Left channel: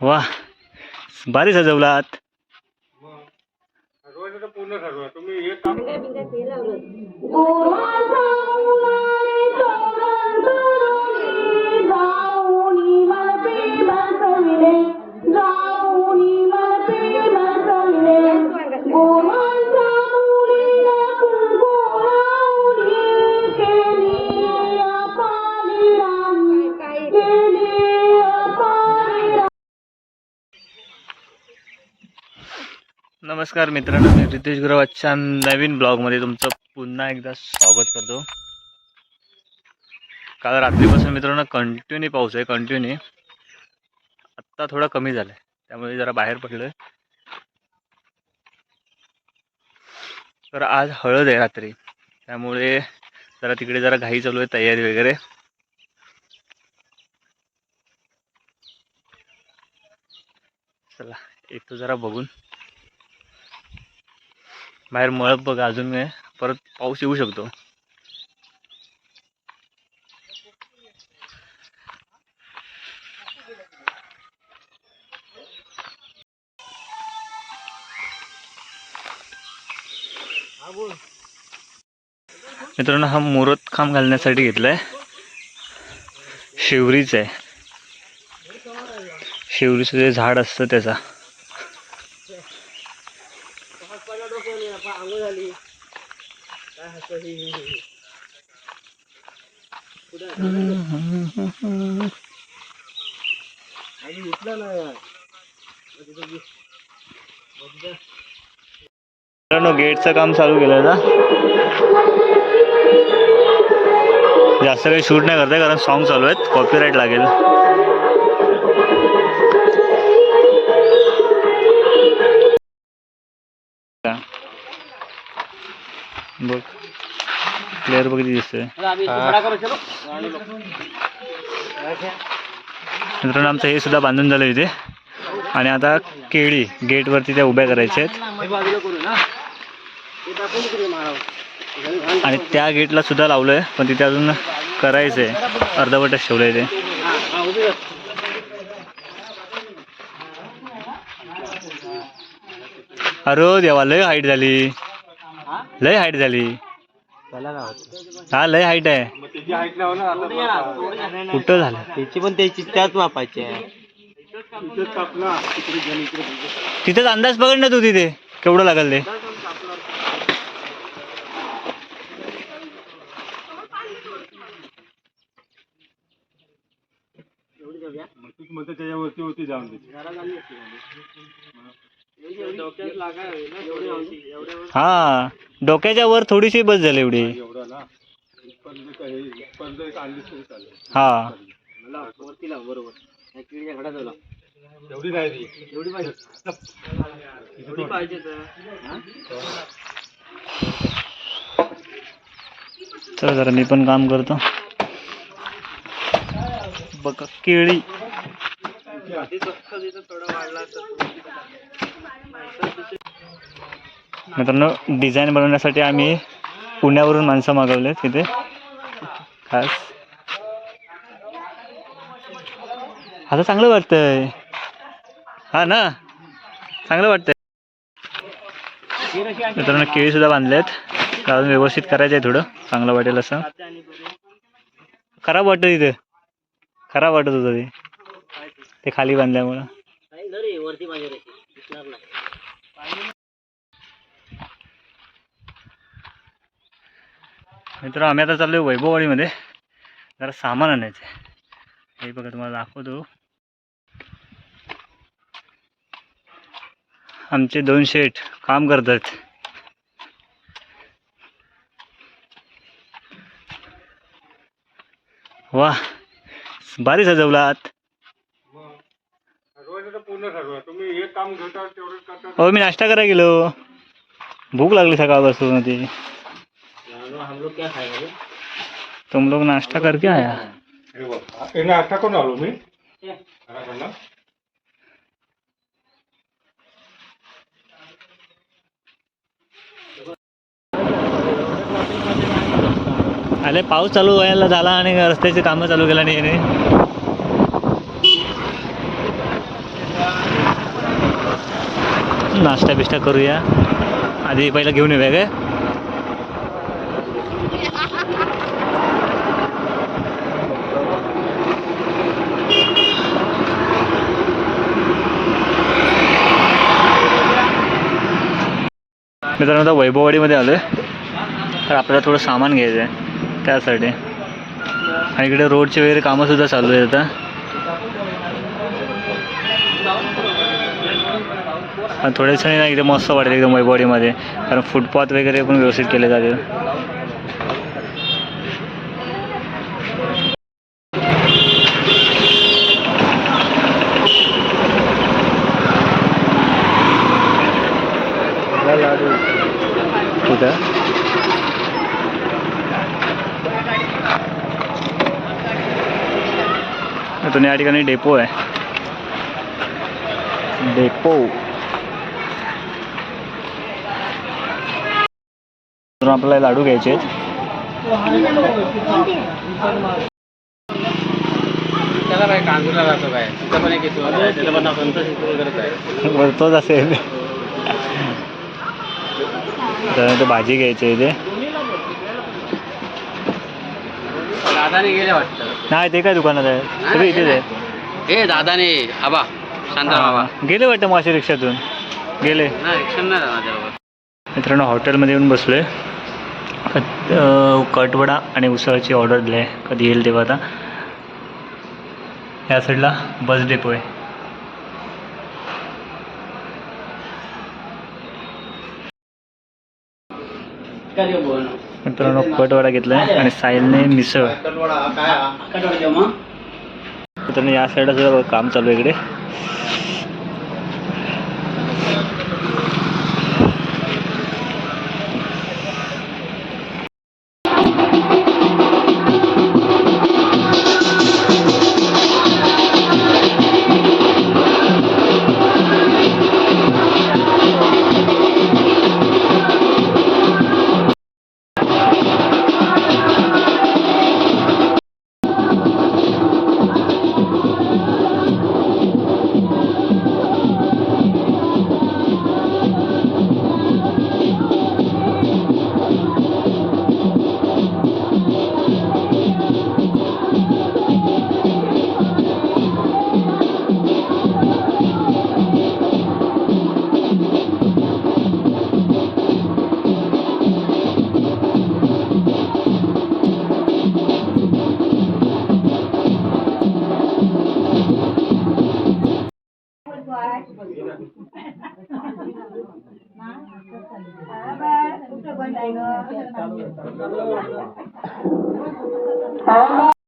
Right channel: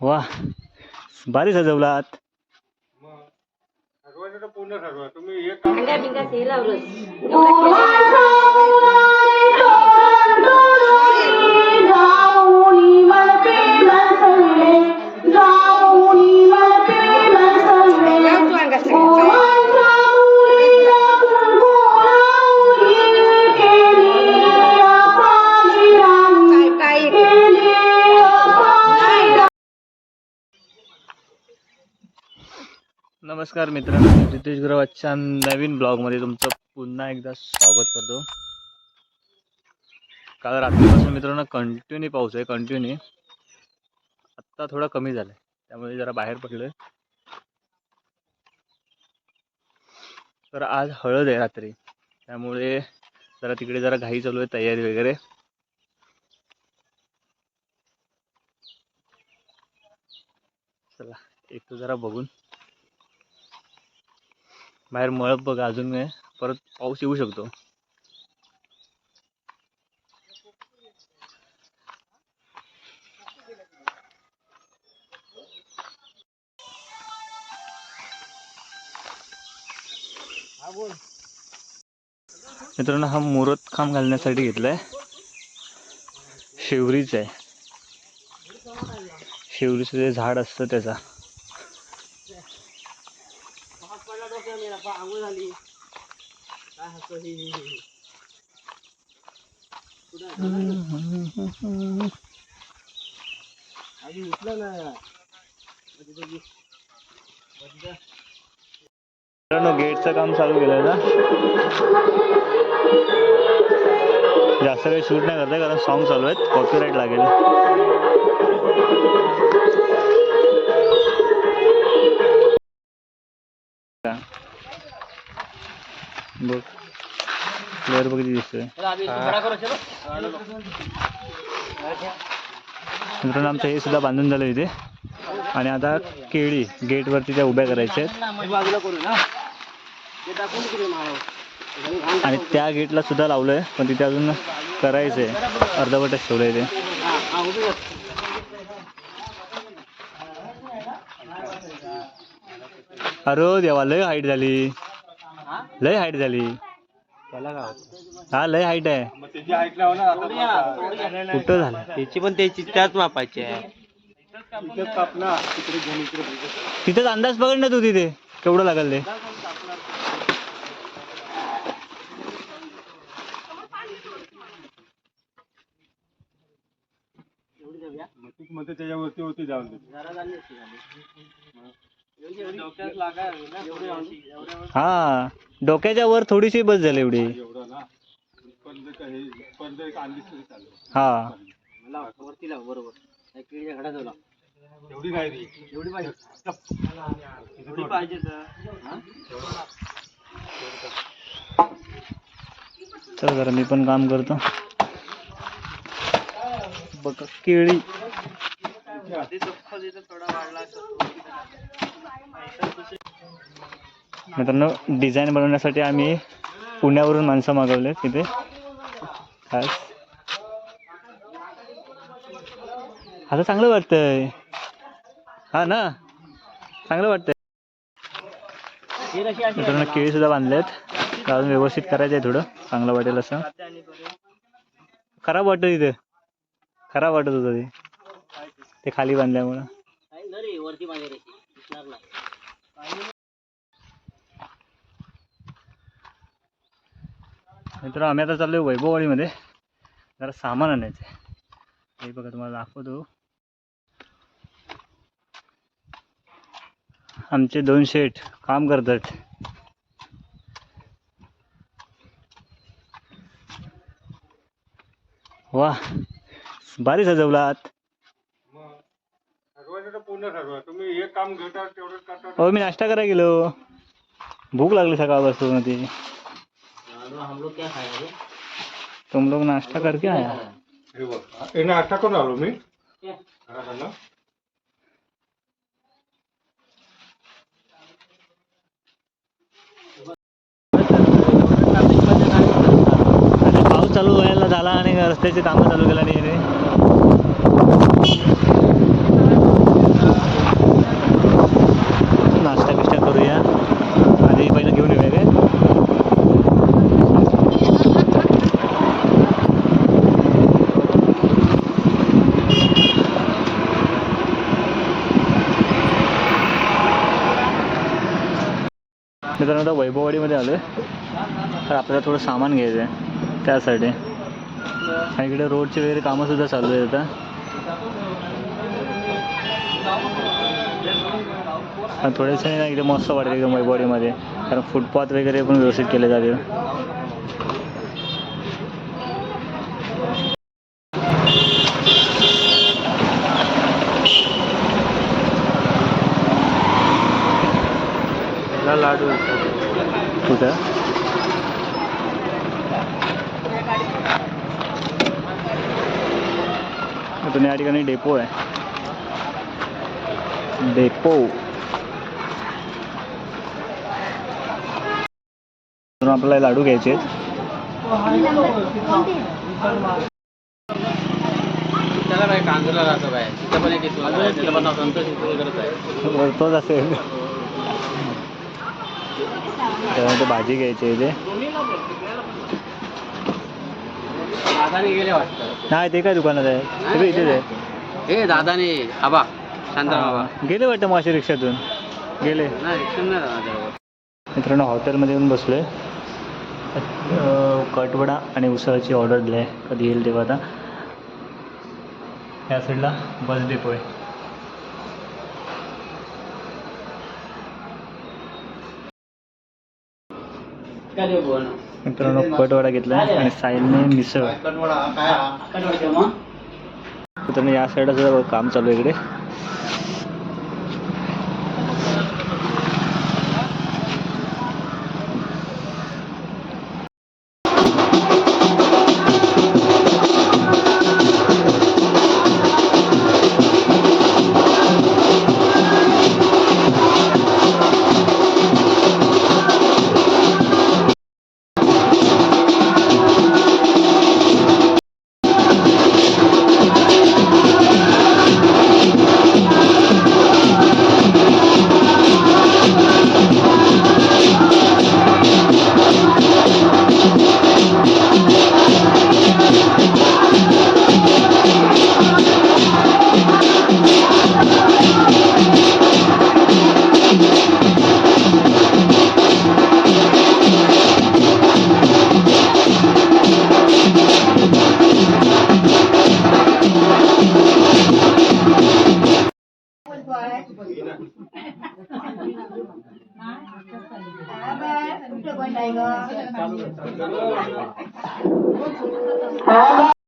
वा. भारी सजवलात. ठरवायचं तर पूर्ण ठरवा तुम्ही एक नमस्कार मित्रांनो मी रितेश गुरव नवीन ब्लॉगमध्ये तुमचं पुन्हा एकदा स्वागत करतो. काल रात्रीपासून मित्रांनो कंटिन्यू पाऊस आहे कंटिन्यू आत्ता थोडा कमी झाला आहे त्यामुळे जरा बाहेर पडलो आहे तर आज हळद आहे रात्री त्यामुळे जरा तिकडे जरा घाई चालू आहे तयारी वगैरे. चला एक तो जरा बघून. बाहेर मळप बघा अजून आहे परत पाऊस येऊ शकतो. मित्रांनो हा मुहूर्त खांब घालण्यासाठी घेतलाय. शिवरीच आहे. शिवरीचं जे झाड असतं त्याचा मित्रांनो गेटचं काम चालू केलं ना? जास्त काही शूट नाही करताय कारण सॉन्ग चालू आहेत. कॉपीराईट लागेल. बघ. क्लिअर बघ दिसतोय. मित्रांनो आमचं हे सुद्धा बांधून झालं इथे. आणि आता केळी गेटवरती त्या उभ्या करायच्या आहेत. आणि त्या गेटला सुद्धा लावलं आहे पण तिथे अजून करायचं आहे अर्धवटच ठेवलं आहे ते. अरे देवा लय हाईट झाली. लय हाईट झाली. हा लय हाईट आहे. कुठं झालं? त्याची पण त्याची त्याच मापाची आहे. तिथेच अंदाज पकड ना तू तिथे. केवढं लागल ते मग तूच म्हणते त्याच्यावरती होती जाऊन हा डोक्याच्या वर थोडीशी बस झाली एवढी. हे. एवढी नाही पाहिजे तर जरा मी पण काम करतो. बघा केळी. मित्रांनो डिझाईन बनवण्यासाठी आम्ही पुण्यावरून माणसं मागवले तिथे खास. आता चांगलं वाटतंय. हा ना? चांगलं वाटतंय. मित्रांनो केळी सुद्धा बांधलेत. अजून व्यवस्थित करायचं आहे थोडं. चांगलं वाटेल असं. खराब वाटत इथे खराब वाटत होतं ते. ते खाली बांधल्यामुळं मित्र आम्ही आता चाललोय वैभववाडीमध्ये. जरा सामान आणायचं हे बघा तुम्हाला दाखवतो. आमचे दोन शेठ काम करतात. वा भारी सजवलात मग ठरवायचं तर पूर्ण ठरवा तुम्ही एक काम तेवढं करता हो मी नाश्ता करायला गेलो. भूक लागली सकाळपासून ती. हम लोग क्या खाएंगे? रे? तुम लोग नाश्ता करके आया? हे आता कोण आलो मी? अरे पाऊस चालू व्हायला झाला आणि रस्त्याची कामं चालू केला नाही नाश्ता बिष्टा करूया. आधी पहिलं घेऊन येऊया काय? मित्रांनो आता वैभववाडीमध्ये आलो आहे तर आपल्याला थोडं सामान घ्यायचं आहे त्यासाठी. आणि इकडे रोडचे वगैरे कामंसुद्धा चालू आहेत आता. आणि थोड्या दिवसांनी ना एकदम मस्त वाटेल एकदम वैभववाडीमध्ये कारण फुटपाथ वगैरे पण व्यवस्थित केले जातील. लाडू. कुठं? इथून या ठिकाणी डेपो आहे. डेपो इथून आपल्याला लाडू घ्यायचे आहेत. त्याला काय कांजूरला जातो काय तिथं पण एक येतो तिथं पण संतोष करत आहे. बरं, तोच असेल त्यानंतर भाजी घ्यायची आहे इथे. नाही ते काय दुकानात आहे? ते इथेच आहे? हे दादाने आबा शांता बाबा. गेले वाटतं मासे रिक्षातून? गेले. रिक्षा नाही मित्रांनो हॉटेलमध्ये येऊन बसलो आहे कटवडा आणि उसळची ऑर्डर दिली आहे. कधी येईल तेव्हा आता. या साईडला बस डेपो आहे. मित्रांनो कटवडा घेतला आहे आणि साहिलने मिसळ. मित्रांनो या साईडला सुद्धा काम चालू आहे इकडे. Hả? ba,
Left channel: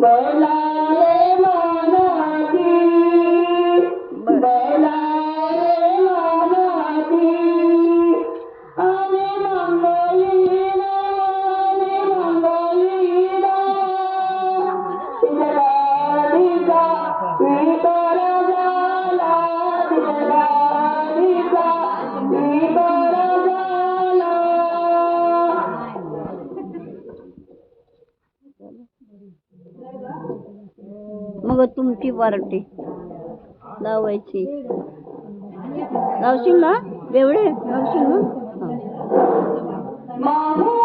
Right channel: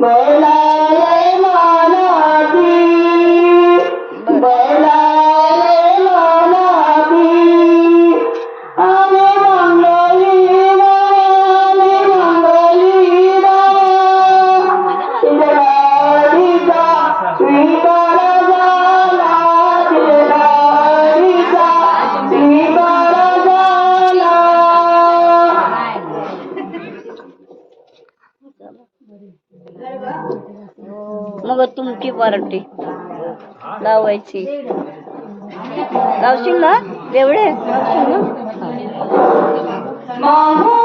Bye. पार्टी लावायची. लावशील ना? एवढे लावशील ना?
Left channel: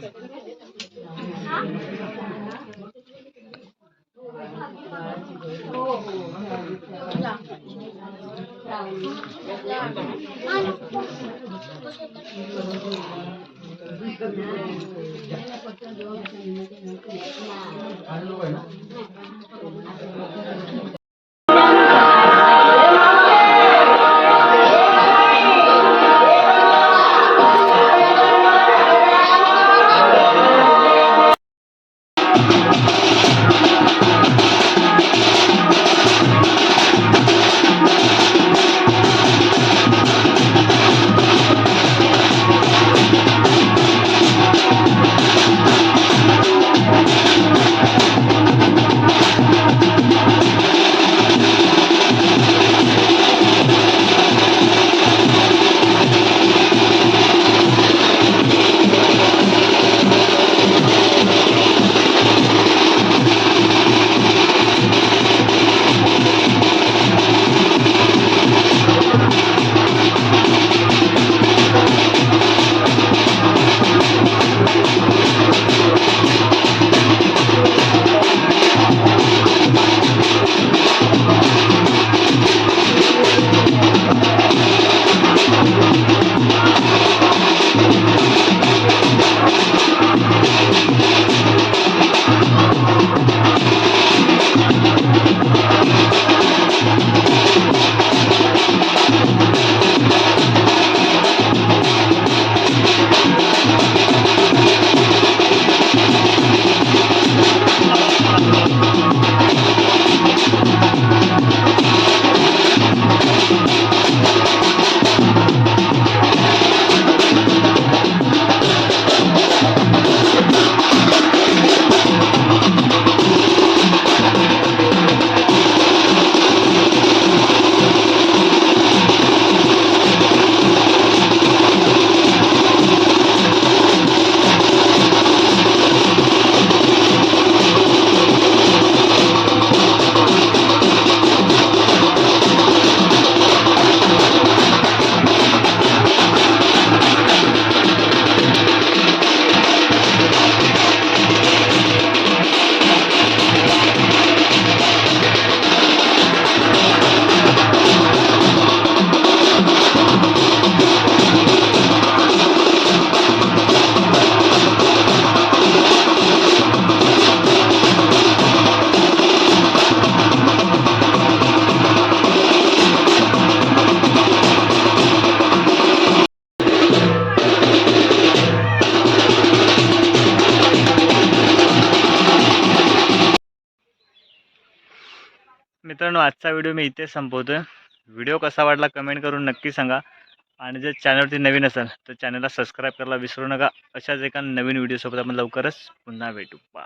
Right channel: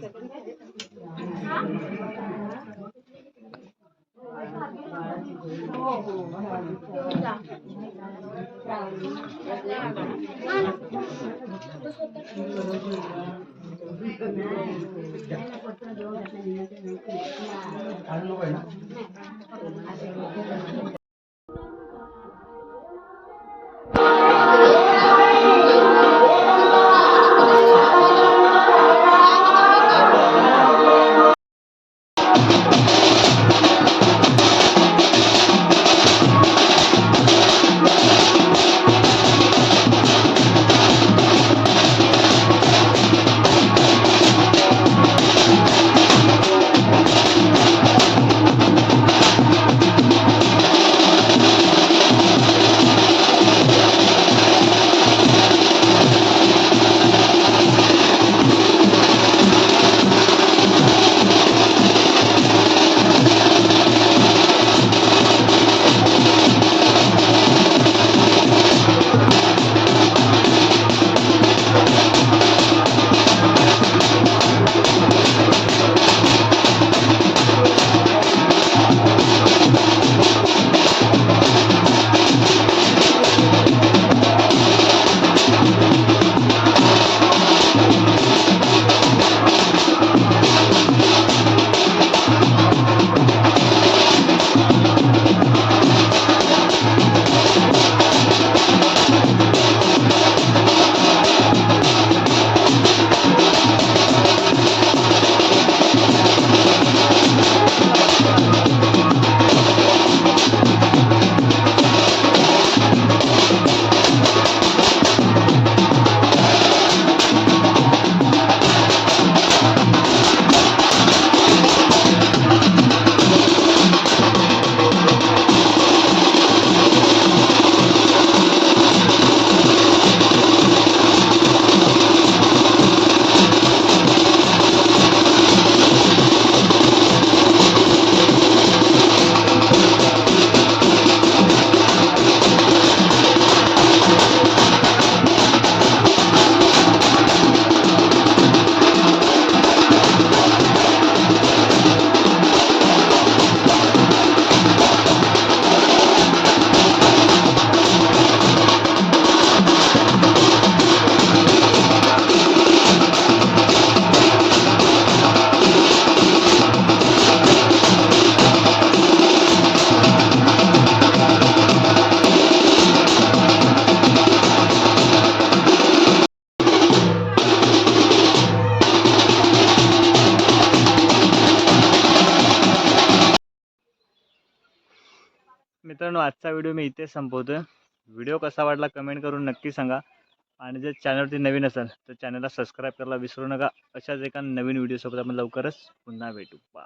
Merci. आजचा व्हिडिओ मी इथे आहे व्हिडिओ कसा वाटला कमेंट करून नक्की सांगा. आणि जर चॅनलवरती नवीन असाल तर चॅनलला सबस्क्राईब करायला विसरू नका. अशाच एका नवीन व्हिडिओसोबत आपण लवकरच पुन्हा भेटू. बा